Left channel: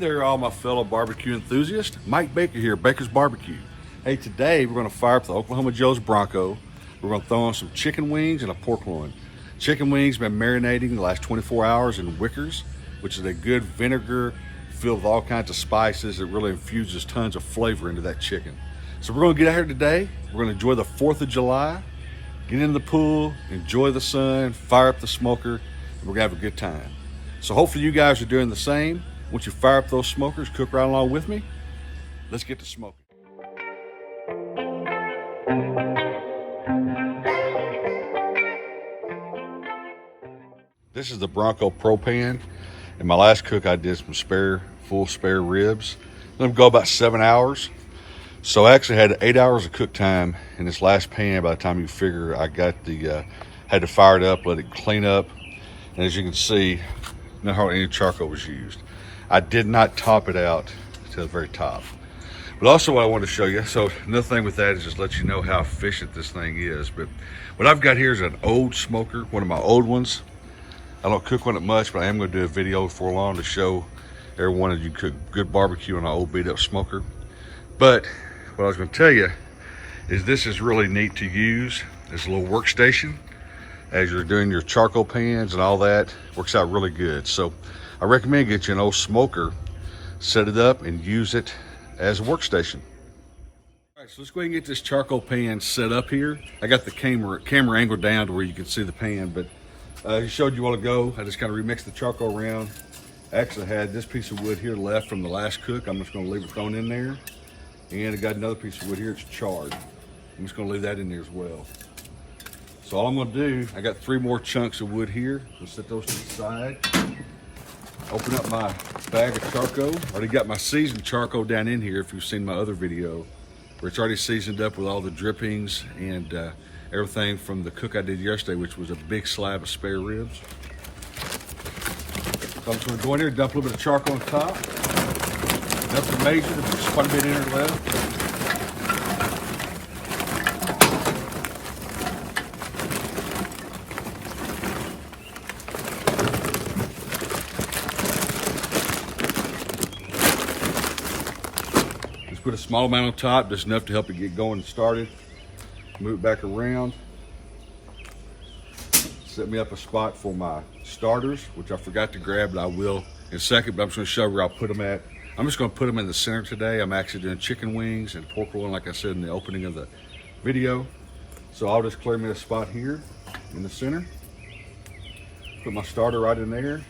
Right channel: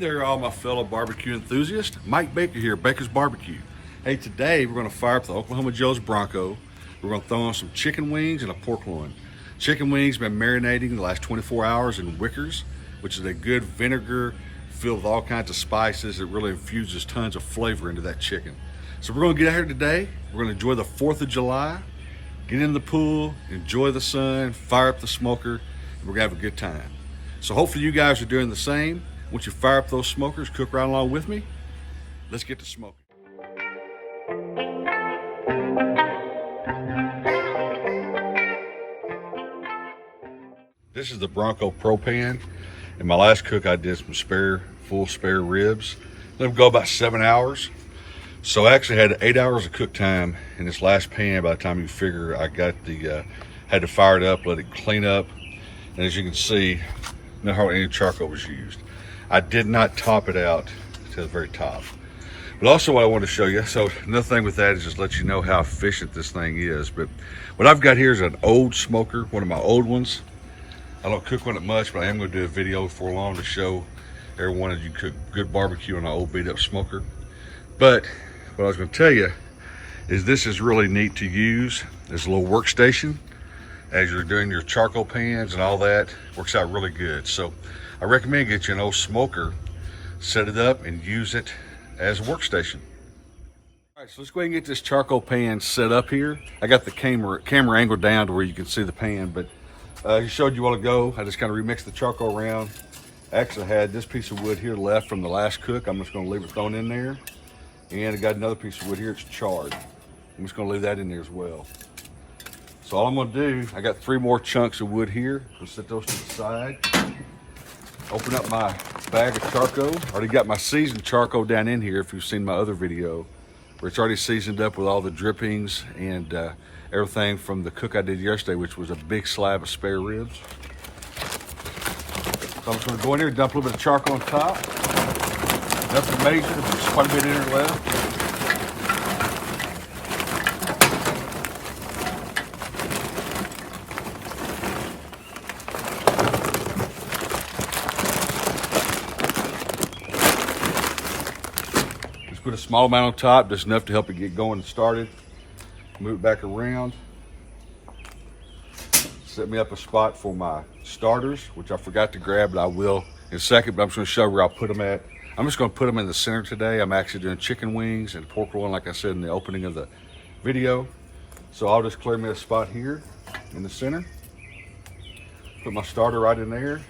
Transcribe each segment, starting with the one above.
Hey there, all my fellow barbecue enthusiasts. Mike Baker here, Baker's Barbecue. Hey, today we're gonna fire up the Oklahoma Joe's Bronco. We're gonna throw on some chicken wings and a pork loin. Chicken wings been marinating the last 24 hours in Wickers, which is a good vinegar filled with all kinds of spices that really infuses tons of flavor into that chicken. So we're gonna get out here today. We're gonna enjoy the 4th of July, get in the pool, enjoy the sun, fire up the smoker, and we're gonna have a good time. So hopefully you guys are doing the same. Once you fire up those smokers, cook right along with me. Let's get to smoking. This is the Bronco propane. In my last cook, I did some full spare ribs. Let them go about 7 hours. So I actually had 8 hours of cook time in this last pan. By the time you figure, I got had to fire it up, let it clean up. And as you can see, not hardly any charcoal was used. I did not top it out to the very top. But also what I want to show you, so another thing with that is just let you know how efficient this thing is. But what I've got here is an old smoker, one of my old ones. I don't cook on it much, but I am going to do a video before long to show everyone that you cook good barbecue on an old beat up smoker. But what I was going to tell you is this is really neat to use. It's a little workstation as you're doing your charcoal pans and all that. Works out really good. So I recommend get you an old smoker, set it up and use it as a workstation. All right, so let's go ahead and get this charcoal pan set up here. I got the camera angled down to where you can see the pan, but I showed you a while ago, I just kind of remixed the charcoal around. Actually, I had this piece of wood here left from the last cook. I'm just going to leave it thrown in there. And I got another piece of wood here, it's charred. I'm just going to leave that in there as well. So all I'm going to do, I got 3 more chunks of wood here. We'll set those to the side. Open up my bag of charcoal. I already got my seasoned charcoal down in here if you've seen my other video, where it's already seasoned up with all the drippings and everything from the cook I did yesterday, which was a big slab of spare ribs. So I'm just gonna go in here, dump a little bit of charcoal on top. Nothing major, but there's quite a bit in it left. Just put a small amount on top, just enough to help it get going and started. Move it back around. Set me up a spot for my starters, which I forgot to grab, but I will in a second, but I'm just gonna show where I'll put them at. I'm just gonna put them in the center today. I'm actually doing chicken wings and pork loin, like I said in the opening of the video. So I'll just clear me a spot here in the center. Put my starter right in there,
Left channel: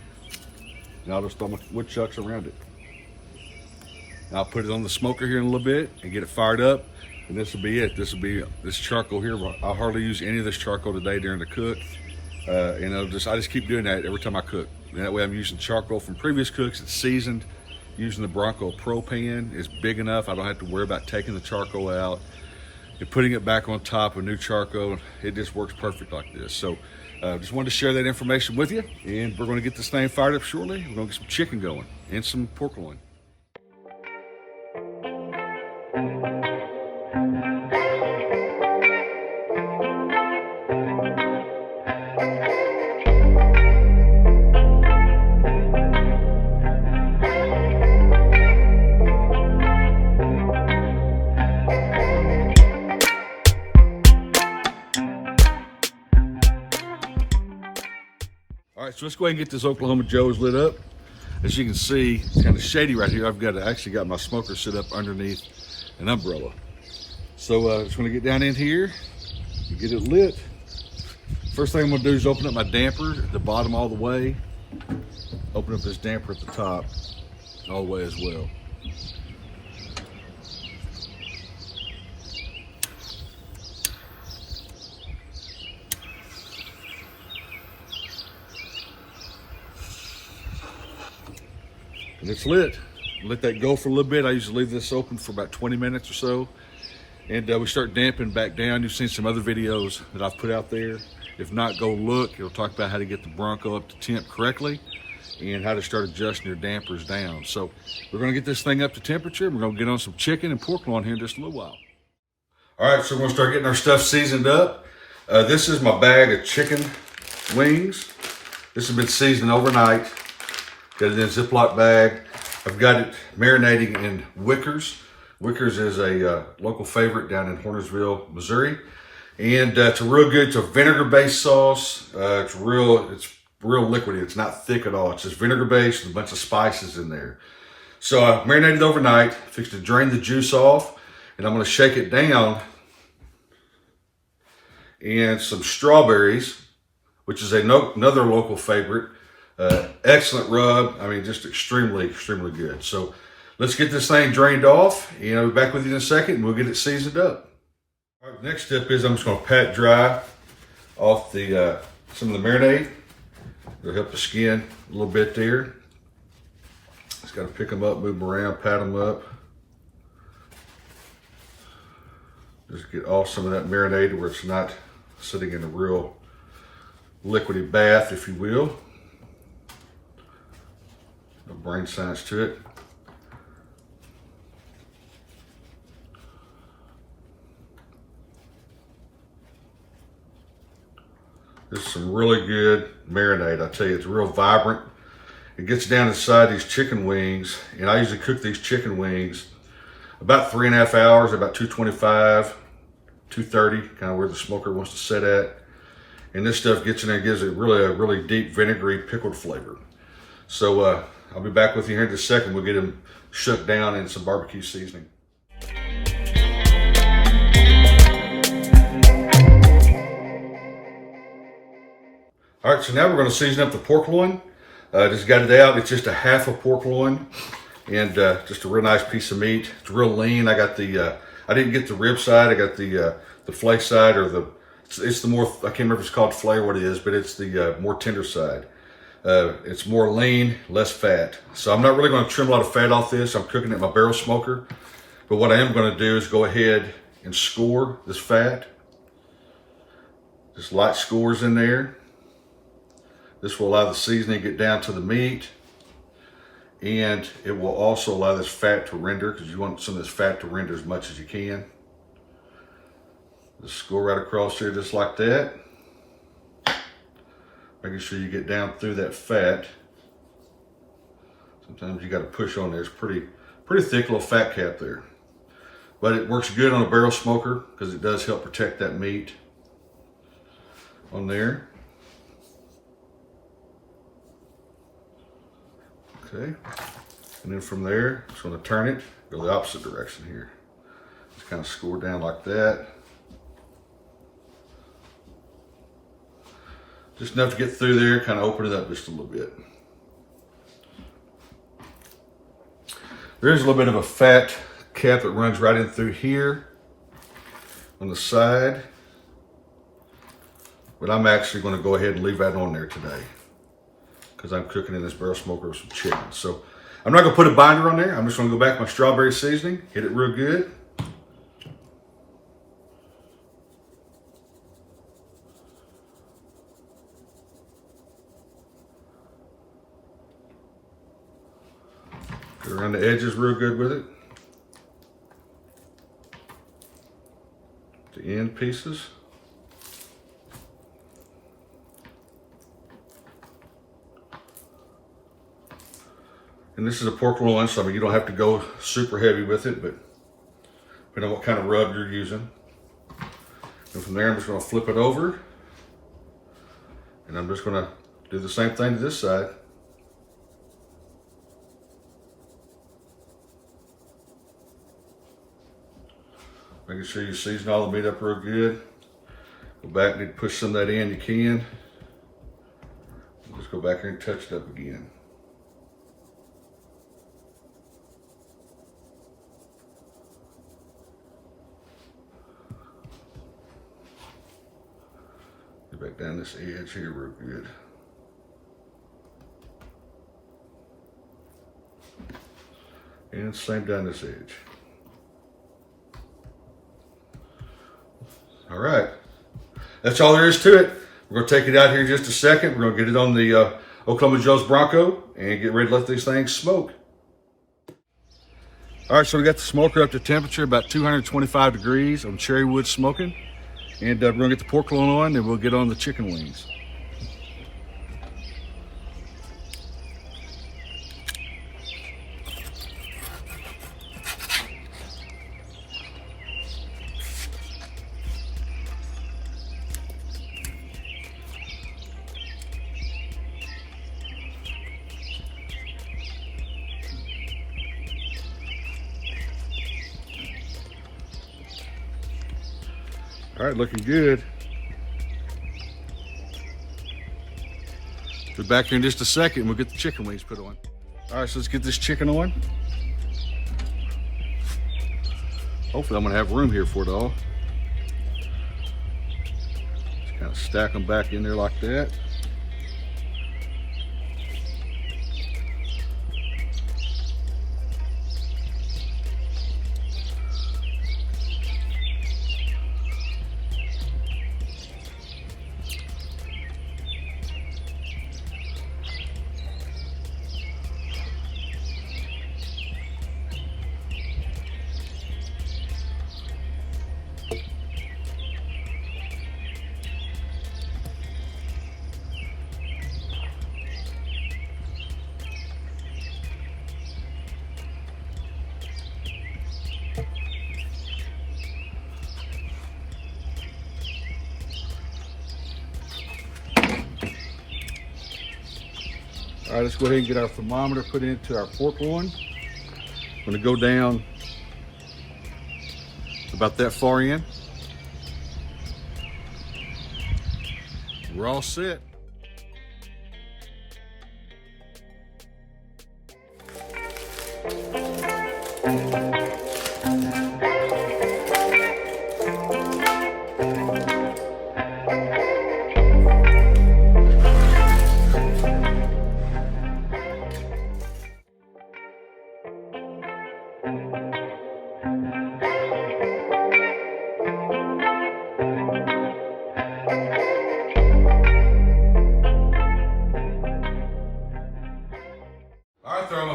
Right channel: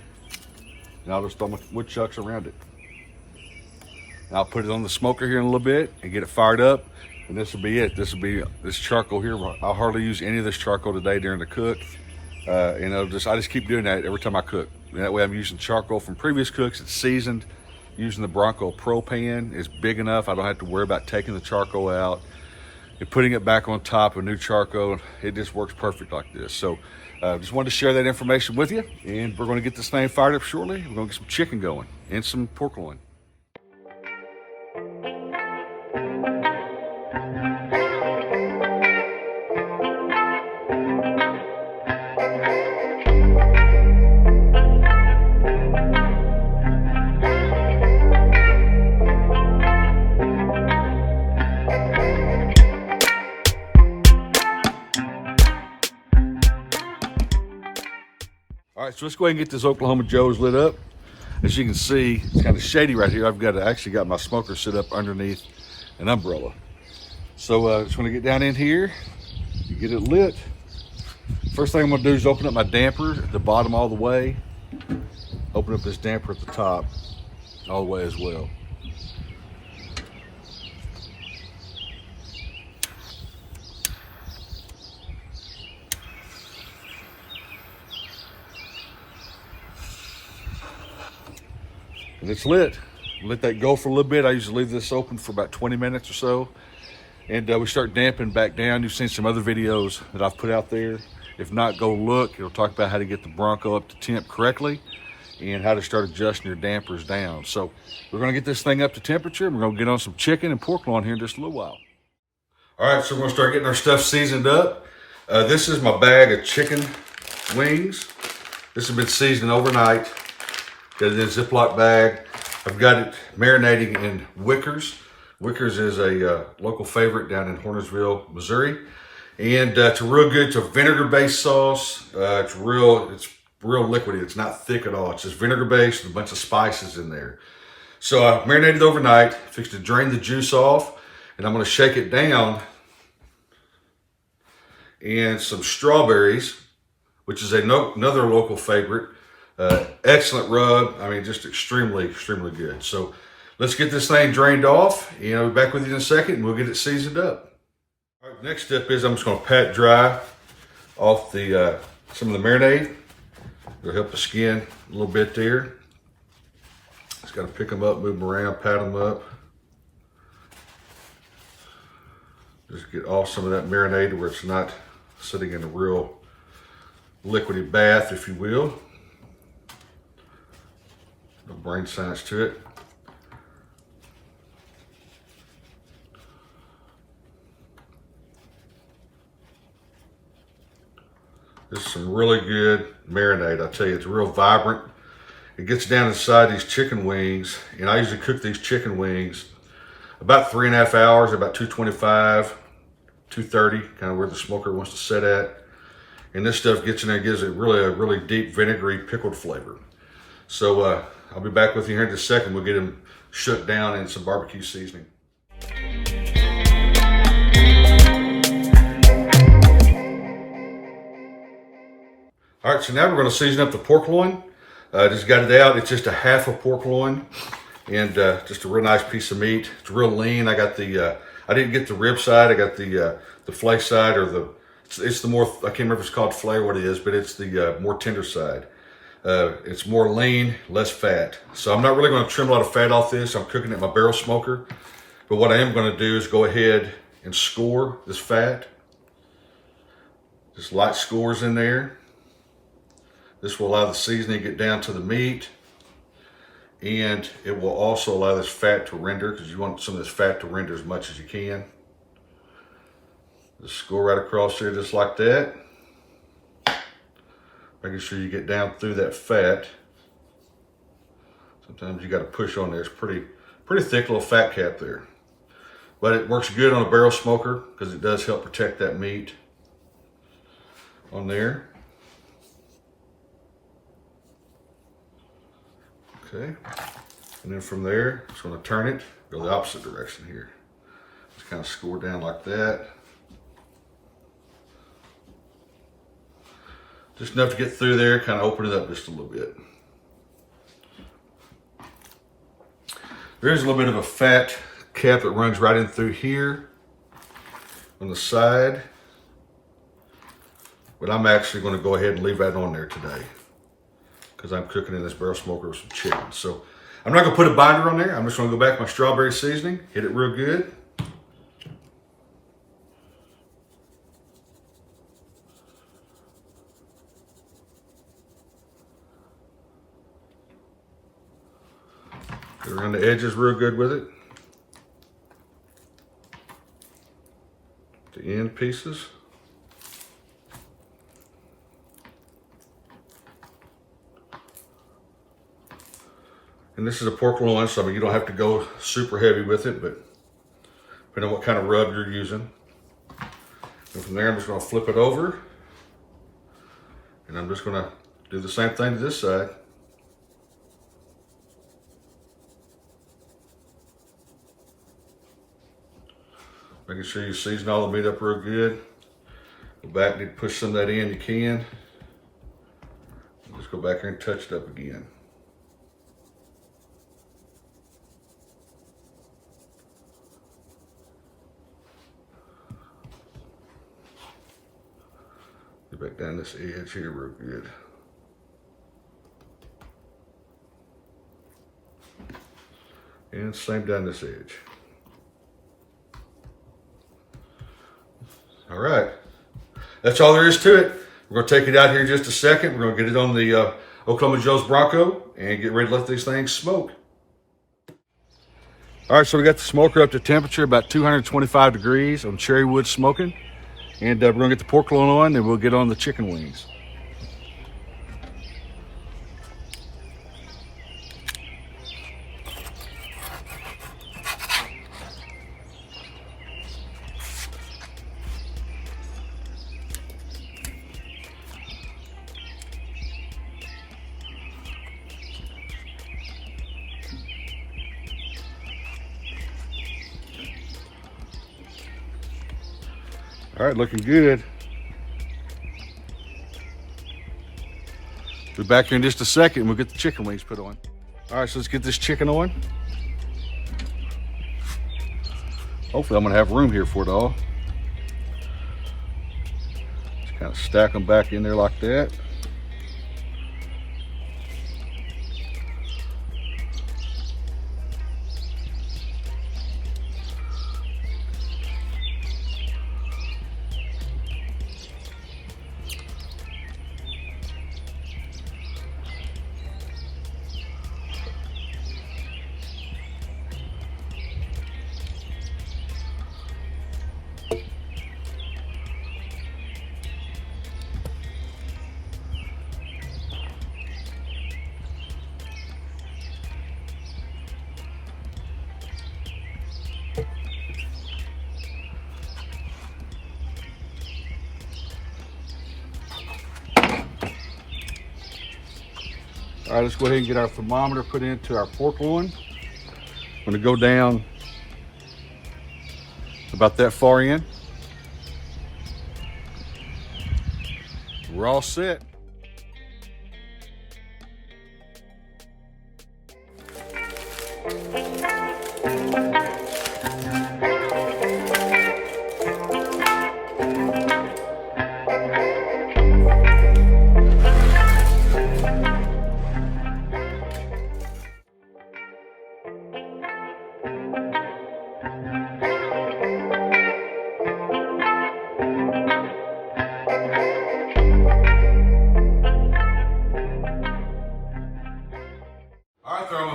and I'll just throw my woodchucks around it. And I'll put it on the smoker here in a little bit and get it fired up. And this will be it. This will be this charcoal here. I'll hardly use any of this charcoal today during the cook. And I just keep doing that every time I cook. And that way I'm using charcoal from previous cooks. It's seasoned. Using the Bronco propane is big enough. I don't have to worry about taking the charcoal out and putting it back on top of new charcoal. It just works perfect like this. So just wanted to share that information with you. And we're going to get this thing fired up shortly. We're going to get some chicken going and some pork loin. All right, so let's go ahead and get this Oklahoma Joe's lit up. As you can see, it's kind of shady right here. I've actually got my smoker set up underneath an umbrella. So just want to get down in here and get it lit. First thing I'm gonna do is open up my damper at the bottom all the way. Open up this damper at the top all the way as well. And it's lit. Let that go for a little bit. I usually leave this open for about 20 minutes or so. And we start damping back down. You've seen some other videos that I've put out there. If not, go look. It'll talk about how to get the Bronco up to temp correctly and how to start adjusting your dampers down. So we're gonna get this thing up to temperature. We're gonna get on some chicken and pork loin here in just a little while. All right, so we're gonna start getting our stuff seasoned up. This is my bag of chicken wings. This has been seasoned overnight. Got it in a Ziploc bag. I've got it marinating in Wickers. Wickers is a local favorite down in Hornersville, Missouri. And it's a real good, it's a vinegar-based sauce. It's real liquidy. It's not thick at all. It's just vinegar-based with a bunch of spices in there. So I marinated overnight, fixed to drain the juice off, and I'm gonna shake it down and some strawberries, which is another local favorite. Excellent rub. I mean, just extremely, extremely good. So let's get this thing drained off, and I'll be back with you in a second, and we'll get it seasoned up. All right, next step is I'm just gonna pat it dry off the some of the marinade. It'll help the skin a little bit there. Just gotta pick them up, move them around, pat them up. Just get off some of that marinade where it's not sitting in a real liquidy bath, if you will. No brain science to it. This is some really good marinade. I tell you, it's real vibrant. It gets down inside these chicken wings, and I usually cook these chicken wings about 3.5 hours, about 225, 230, kind of where the smoker wants to sit at. And this stuff gets in there and gives it a really deep vinegary pickled flavor. So I'll be back with you here in just a second. We'll get them shook down in some barbecue seasoning. All right, so now we're gonna season up the pork loin. Just got it out. It's just a half a pork loin, and just a real nice piece of meat. It's real lean. I got the, I didn't get the rib side. I got the flake side, or it's the more, I can't remember if it's called flare, what it is, but it's the more tender side. It's more lean, less fat. So I'm not really gonna trim a lot of fat off this. I'm cooking it in my barrel smoker. But what I am gonna do is go ahead and score this fat. Just light scores in there. This will allow the seasoning to get down to the meat, and it will also allow this fat to render, because you want some of this fat to render as much as you can. Just score right across here just like that. Making sure you get down through that fat. Sometimes you got to push on there. It's pretty thick little fat cap there. But it works good on a barrel smoker because it does help protect that meat on there. Okay, and then from there, I'm just going to turn it, go the opposite direction here. Just kind of score down like that. Just enough to get through there, kind of open it up just a little bit. There's a little bit of a fat cap that runs right in through here on the side, but I'm actually going to go ahead and leave that on there today, because I'm cooking in this barrel smoker with some chicken. So I'm not gonna put a binder on there. I'm just gonna go back with my strawberry seasoning, hit it real good. Get around the edges real good with it. The end pieces. And this is a pork loin, so I mean, you don't have to go super heavy with it, but depending on what kind of rub you're using. And from there, I'm just gonna flip it over, and I'm just gonna do the same thing to this side. Making sure you season all the meat up real good. Go back, need to push some of that in, you can. And just go back here and touch it up again. Back down this edge here real good. And same down this edge. All right, that's all there is to it. We're gonna take it out here in just a second. We're gonna get it on the Oklahoma Joe's Bronco and get ready to let these things smoke. All right, so we got the smoker up to temperature about 225 degrees on cherry wood smoking. And we're gonna get the pork loin on, and we'll get on the chicken wings. All right, looking good. We'll be back here in just a second and we'll get the chicken wings put on. All right, so let's get this chicken on. Hopefully I'm gonna have room here for it all. Just kind of stack them back in there like that. All right, let's go ahead and get our thermometer put into our pork loin. I'm gonna go down about that far in. We're all set.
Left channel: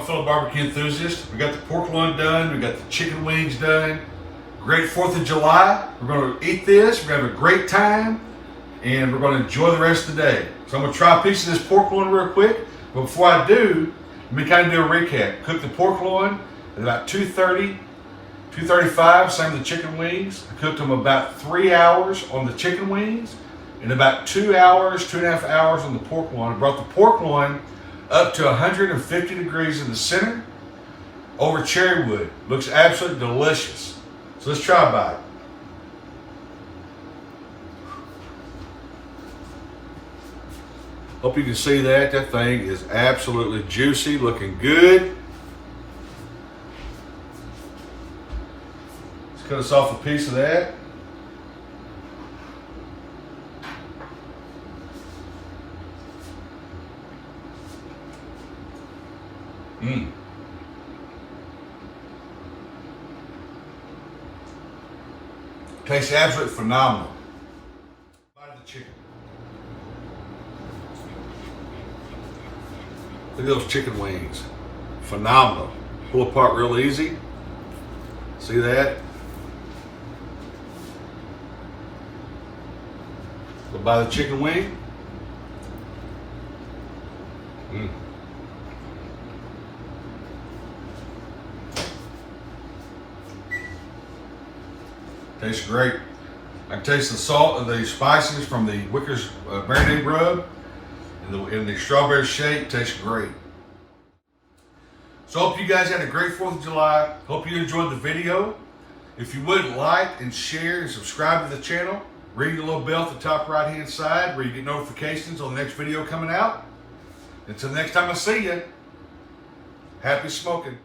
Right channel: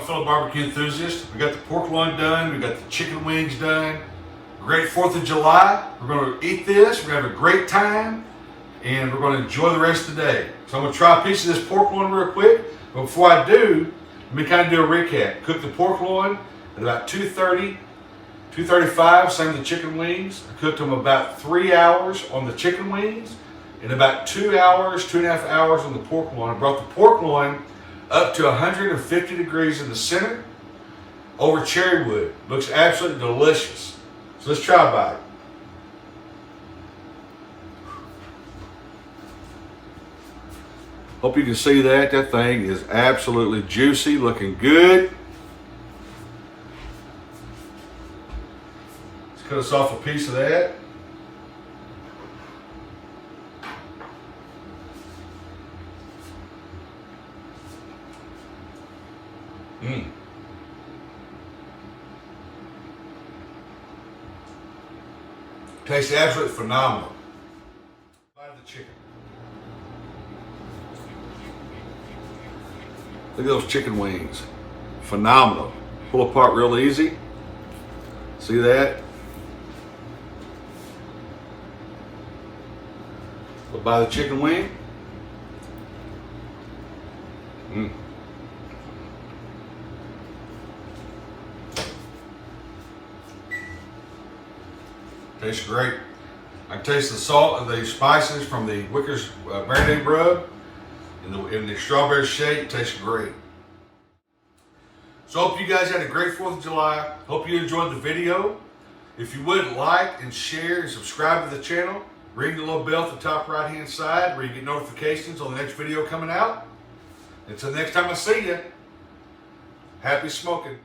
Fellow barbecue enthusiasts, we got the pork loin done, we got the chicken wings done. Great 4th of July. We're going to eat this, we're going to have a great time, and we're going to enjoy the rest of the day. So I'm going to try a piece of this pork loin real quick, but before I do, let me kind of do a recap. Cook the pork loin at about 2:30, 2:35, same with the chicken wings. I cooked them about 3 hours on the chicken wings, and about 2 hours, 2.5 hours on the pork loin. I brought the pork loin up to 150 degrees in the center over cherry wood. Looks absolutely delicious. So let's try a bite. Hope you can see that. That thing is absolutely juicy, looking good. Let's cut us off a piece of that. Tastes absolutely phenomenal. Bite of the chicken. Look at those chicken wings. Phenomenal. Pull apart real easy. See that? So by the chicken wing. Tastes great. I can taste the salt and the spices from the Wickers marinated rub, and the strawberry shake tastes great. So I hope you guys had a great 4th of July. Hope you enjoyed the video. If you would like and share and subscribe to the channel, ring the little bell at the top right hand side where you get notifications on the next video coming out. Until next time I see you, happy smoking.